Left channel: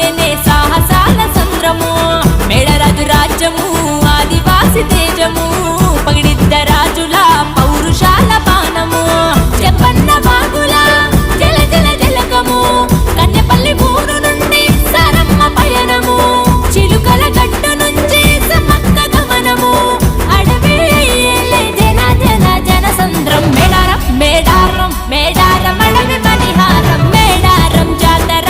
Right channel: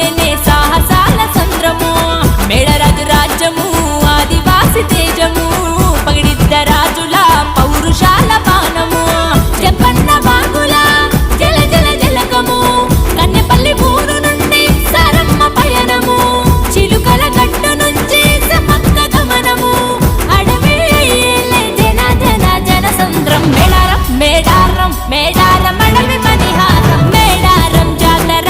అంటేనే సాహసాల సంద్రము మేడరాజు రాజ్యము ఆదివాసి తేజము పగిడిద్ద రాజుల పౌరుషాల బాణము చెంపన్న బాగుల జల జల జలకము కన్నెపల్లి ఊరు నుండి సారమ్మ పయనము చిలుకల గట్టు నుంచి సమ్మక్క గమనము అడవి అయ్యేలే జన జన జన సంద్రం మేడారం మేడారం మేడారం అడవి మణిహారం మేడారం జాతర